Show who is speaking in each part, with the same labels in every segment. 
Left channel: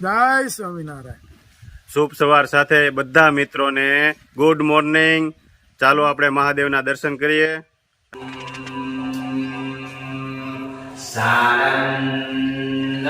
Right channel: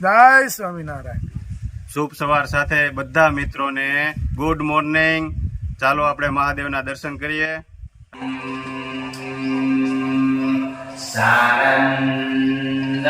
Speaker 1: જય સ્વામિનારાયણ.
Speaker 2: શુભ સવાર સાથે બધા મિત્રોને ગુડ મોર્નિંગ ચાલો આપણે મહાદેવના દર્શન કરીએ.
Speaker 3: Sanand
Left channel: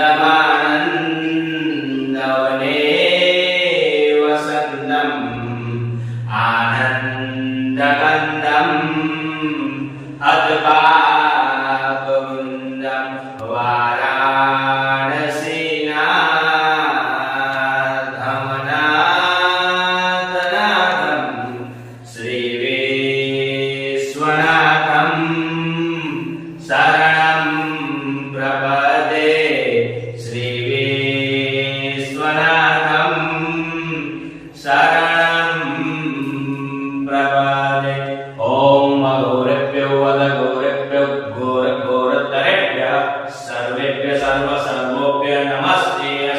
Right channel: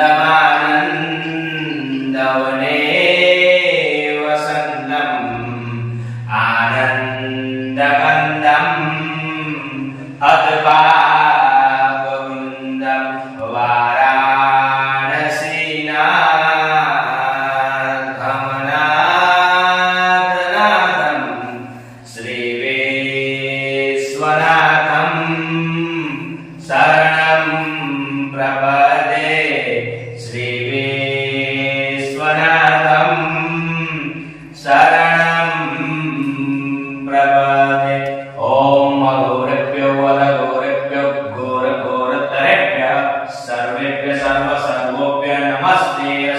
Speaker 3: Hai,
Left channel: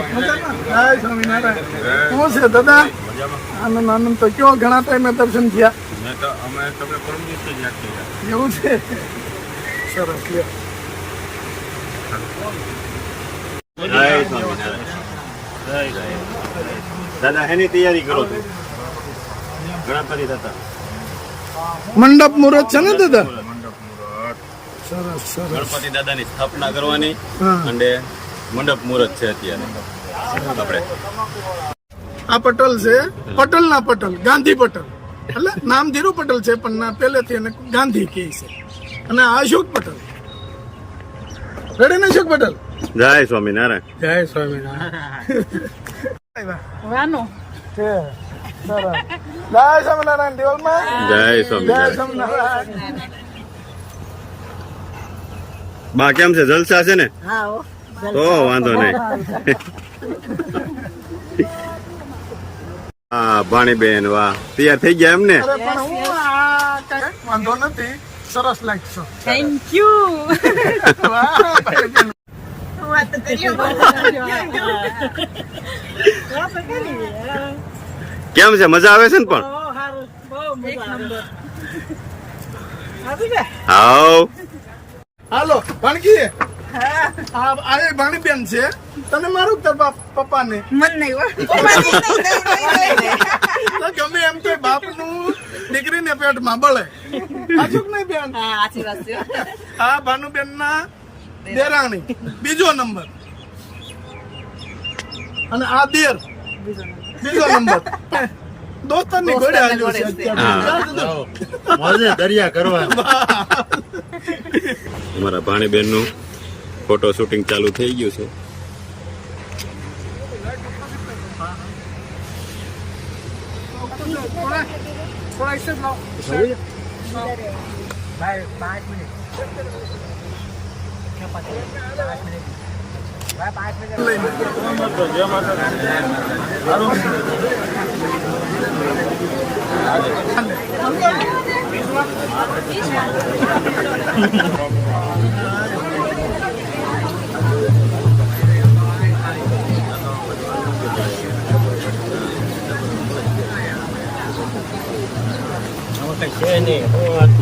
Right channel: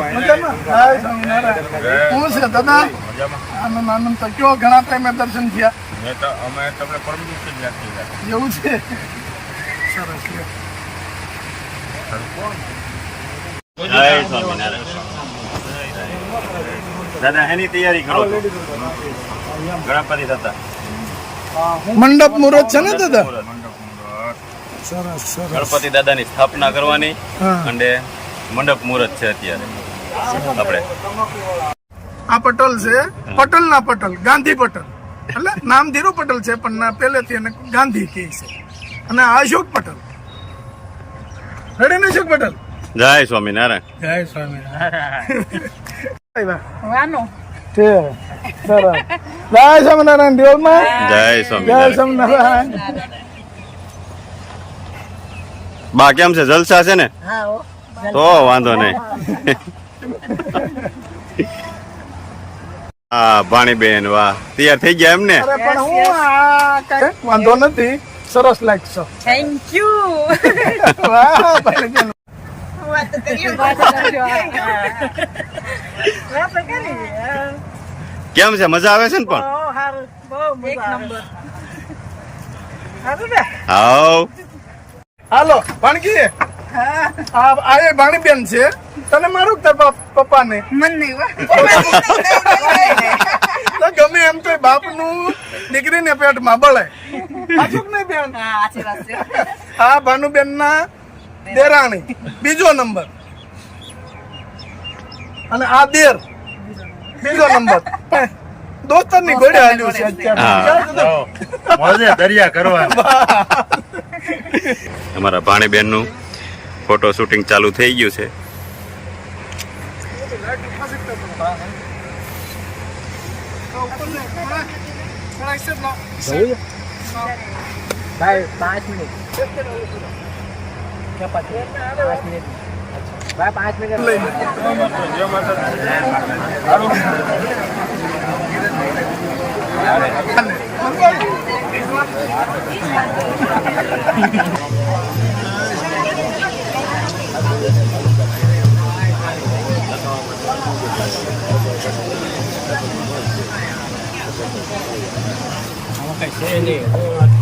Speaker 3: Swaminarayan. Hai, Swaminarayan. Kamu
Speaker 1: sudah datang? Ya, ma. Ah, memang untuk kita, kenapa kita bertemu di sini? Nanti, kami,
Speaker 2: kami perlu untuk jadi. Ya udah.
Speaker 1: Sorry. Hai, Swaminarayan. Hai,
Speaker 2: Swaminarayan. Dada, ini tiada di grup. Kenapa tidak datang?
Speaker 1: મંડપ મુહૂર્ત છે ને દાદા? સરસ સરસ.
Speaker 2: ગણપતિ દાદાની સ્થાપના કરવાની અને મંડપ મુહૂર્ત છે અત્યારે આપણે.
Speaker 1: આ પટલ છે પટલ ના પટલ ગાંધી પટલ. એટલે નામ ધીરુ પટલ છે પણ ના પહેલેથી એને ગાંધી કહે છે. અને આ અશોક પટલ. રેડી ને અશોક પટલ?
Speaker 2: જય સ્વામિનારાયણ.
Speaker 1: જય સ્વામિનારાયણ.
Speaker 4: વાનો.
Speaker 1: છે. જય સ્વામિનારાયણ દેવમાં.
Speaker 2: જય
Speaker 1: જય
Speaker 2: સ્વામિનારાયણ.
Speaker 1: સ્વામિનારાયણ.
Speaker 2: બા કેમ છે? જલસા છે ને?
Speaker 4: હા
Speaker 2: તો વાંધો નહીં. હા ભાણીબેન વાહ. તૈયાર થઈ ગયા એમ ને
Speaker 1: અરે પણ હું આ કાંઈ વાંધો નથી. સરસ લાગશો. Thank you.
Speaker 4: વાત
Speaker 2: કેમ છે? મજા આવે છે ને પણ?
Speaker 4: ને
Speaker 2: હાવ
Speaker 1: હાલો ભાણકી. આ છે. તને મારું કે પપ્પા ને
Speaker 4: મન નહીં
Speaker 1: ગમે એમ તો બાપનું પેટમાં બળે. સાચું કે નહીં બેન?
Speaker 4: હા
Speaker 1: ભાનુબેન ના દેરાણી. બીજો નંબર. અને આ દેર. બીજો નંબર. પણ દોસ્તરની ઘોડે હાલ્યું છે અત્યારે.
Speaker 5: મોજે દરિયા કરવા
Speaker 2: અમારા ભાણીબેનનું ફોટો શૂટિંગ ચાલુ થઈ ગયું છે.
Speaker 4: ભાઈ પાંચ મિનિટ પાંચ કઈ છે પાંચ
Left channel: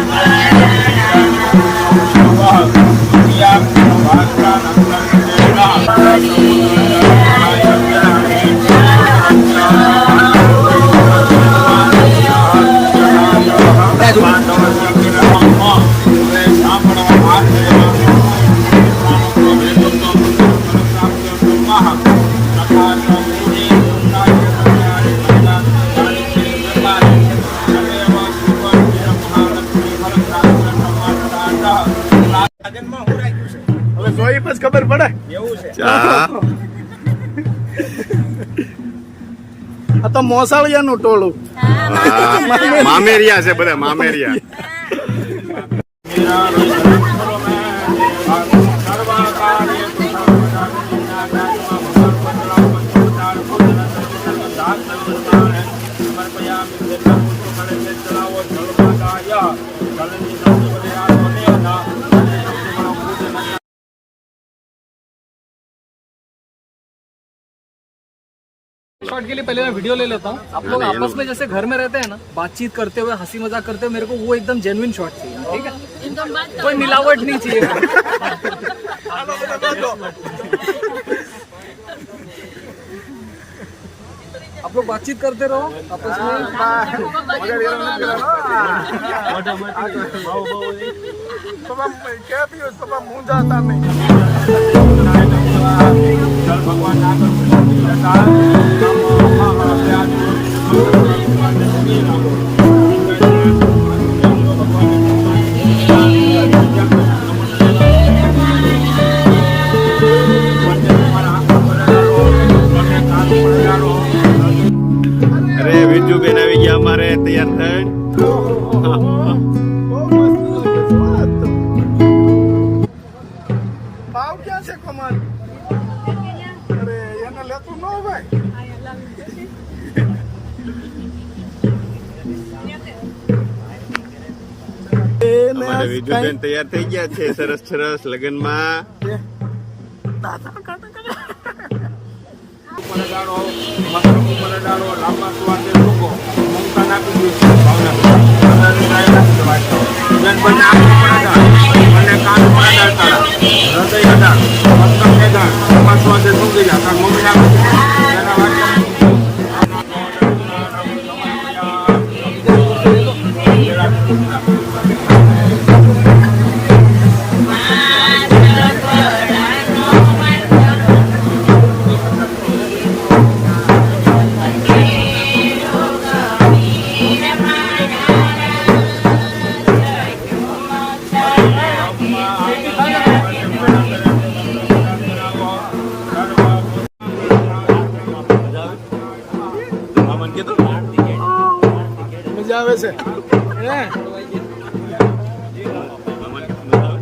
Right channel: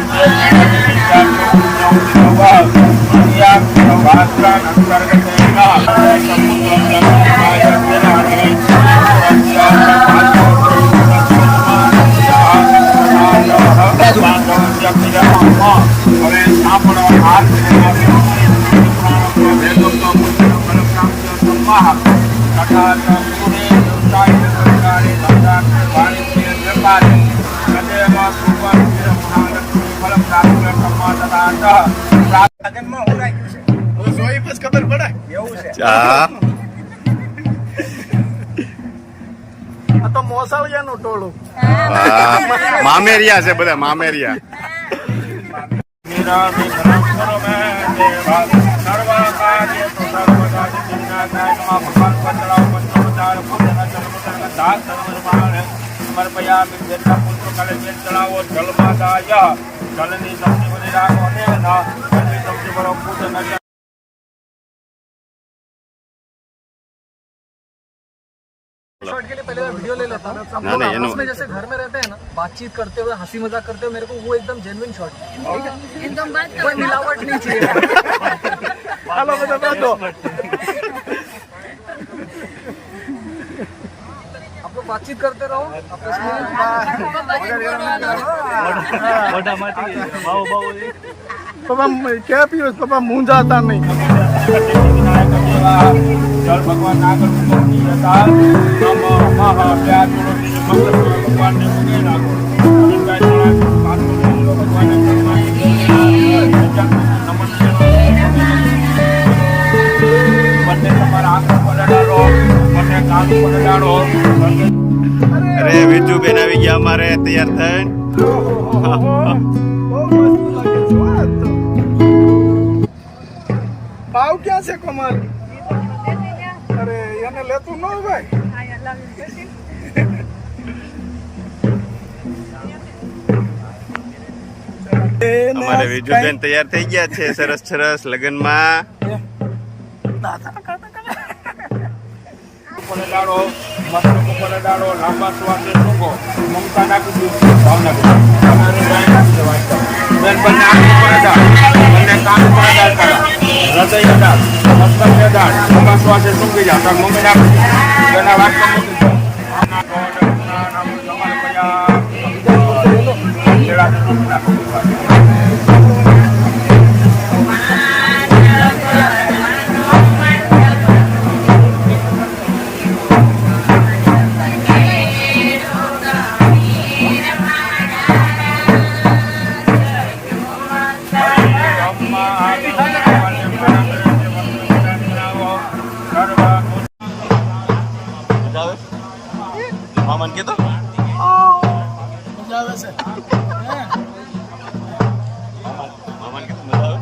Speaker 5: હવે
Speaker 1: જોઈ પછી ખબર પડે
Speaker 2: હા
Speaker 1: આ તો મોસાળિયાનું ટોળું.
Speaker 2: મામેરિયા છે બધા મામેરિયા
Speaker 4: સમર્પયામિ જલમ પુષ્પકલે જે ચડાવો જલબાદાય જલની સૌથી બધી રાખો ને ના જલની સૌથી બડો ફૂટ નથી
Speaker 6: शॉट के लिए पहले मैं वीडियो ले लेता हूँ
Speaker 2: ना, नहीं, ये
Speaker 6: आपस
Speaker 2: नो-
Speaker 6: में जैसे घर में रहते हैं ना बातचीत करते हुए हंसी मजाक करते हुए मेरे को वो एकदम जेन्युइन शॉट चाहिए ठीक है
Speaker 7: एकदम बात
Speaker 6: कोई मिलावट नहीं चाहिए आप लोग बातचीत करते रहो
Speaker 1: तो मैं क्या पीओ तो मैं मुंह जाता नहीं કમલ અરે એને લેતું ન હોય. ભાઈ
Speaker 2: અમારે વિરજુબેન તૈયાર થઈ ગયા છે સરસ સરસ લગ્નમાં. મામાને કીધું
Speaker 1: મજા આવે છે હે
Speaker 2: મામાને કીધું મજા આવે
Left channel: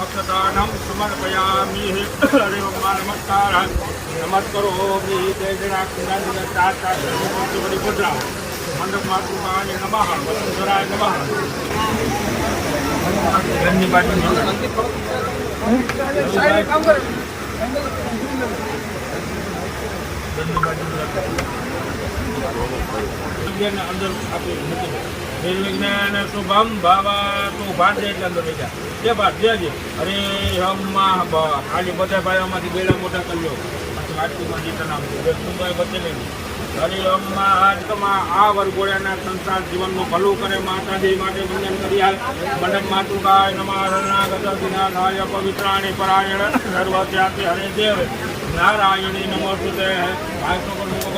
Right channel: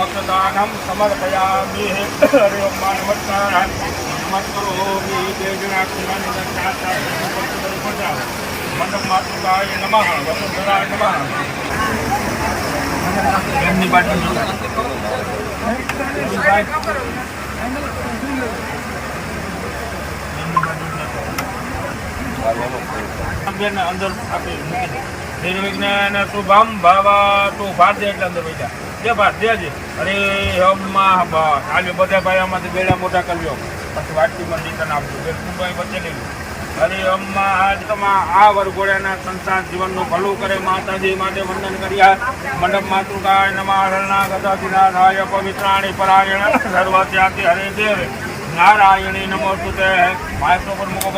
Speaker 4: અક્ષદાનમ સમર્પયામિ હરે ઓમ નમસ્કાર નમસ્કારોમિ જય જણા કુંડાની ચાર ચાર સૌથી બધી ગુજરાવો મંડપ માતૃકાય નમઃ વસુંધરાય નમઃ ઘરની બાજુ બેન અંદર આપી, મૂકી શુભમ ભવ, તું ભાર દે એટલે અંદર બેઠા. જે દેજે અરે હમમાં આજે બધા ભાઈઓમાંથી બેડા મોટા કરી લો પછી વાટકી માં તને આપજો. બે સુબાઈ વચ્ચે લઈ ગઈ અરે અમ્મા આજ તમા આ વરઘોડાના સંસાર જીવનનું ભલું કરે. માતાજી માટે વંદન કર્યા. મંડપ માતું ગાય નમા હરણા ગદાધિના પવિત્રાણી પરાયણ. સર્વત્યાતિ હરે દેવ. નારાયણી નમોસ્તુતે. માયતો પર મુકો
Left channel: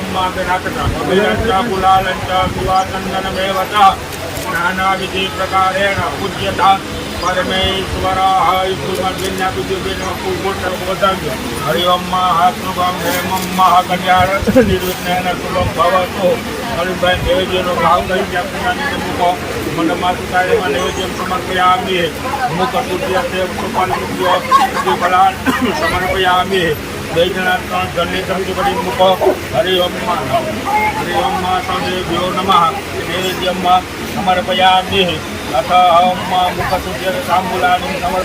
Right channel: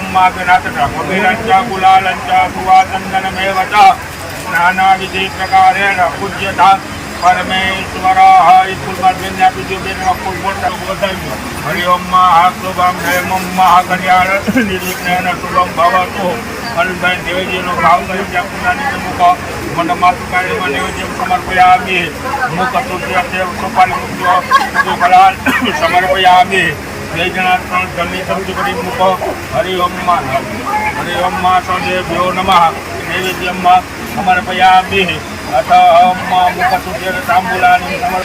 Speaker 4: બધા હરિ ઓમ માગનાથતા કબીરંચ ગુલાલંચ સુવાચંદનમેવ ચ નાનાવિધિ પ્રકારેણ પૂજ્યતા પરમેશ્વરઃ ઈ ફૂલમાં જોઈને બીજું બેન ફૂલ બોલતા વધારજો હરિ ઓમ મહાશુભમ હેમમ મહાકલ્યાણ નિર્વિઘ્ન શુભમ ભવતુ હરિભાઈ નૈવેદ્યનો ભાવ કરી ત્યાં પૂર્ણાની મૂકો માતું કાર્યમાં નૈવેદ્ય સમર્પયામિ તુર્ય દેવ સોપારી મૂકજો કભી ફલાલ સમર્પયામિ બે જણા ત્રણ જણની સમજી પડી મૂકો. હરિઓમમાં. હરિઓમમાં સ્વામી ભ્યો નમઃ. નૈવેદ્યમમાં અમારે પૈયા બે અથ હમમાં મુખ સૂર્ય તાંબુલાની સમર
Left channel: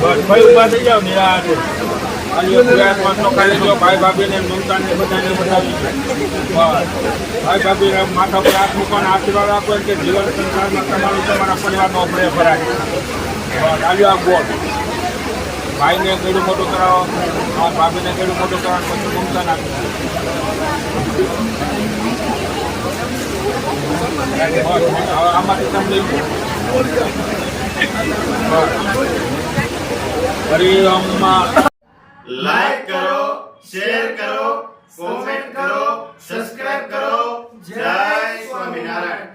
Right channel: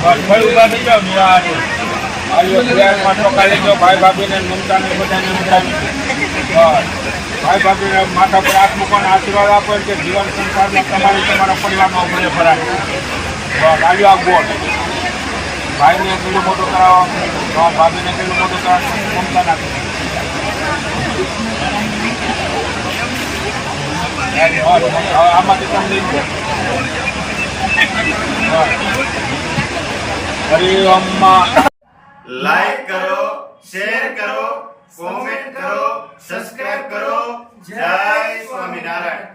Speaker 4: ભાઈ ઊભા થઈ જાવ ને આયો પ્રયાસમાં ટોકા લઈ ભાઈ ભાભીને મમતાને બધાને બતાવી ભાઈ ભાભીને માથા પર હાથ મૂકવાનો આશીર્વાદ આપો કે જીવન સંસારમાં તમારું તમારા પરિવારનો ભળે ભરાય. બસ આવ્યો આ ગોળ. ભાઈને કેટલું મોટું કરાવો ભાભીને કેટલું મોટું કરાવો પછી મમતા નાખી બસ, હવે આમાંથી તમને બસ. હરિ
Speaker 2: લાઈક કરો શેર કરો કોમેન્ટ કરો સબસ્ક્રાઇબ કરો. જય સ્વામિનારાયણ.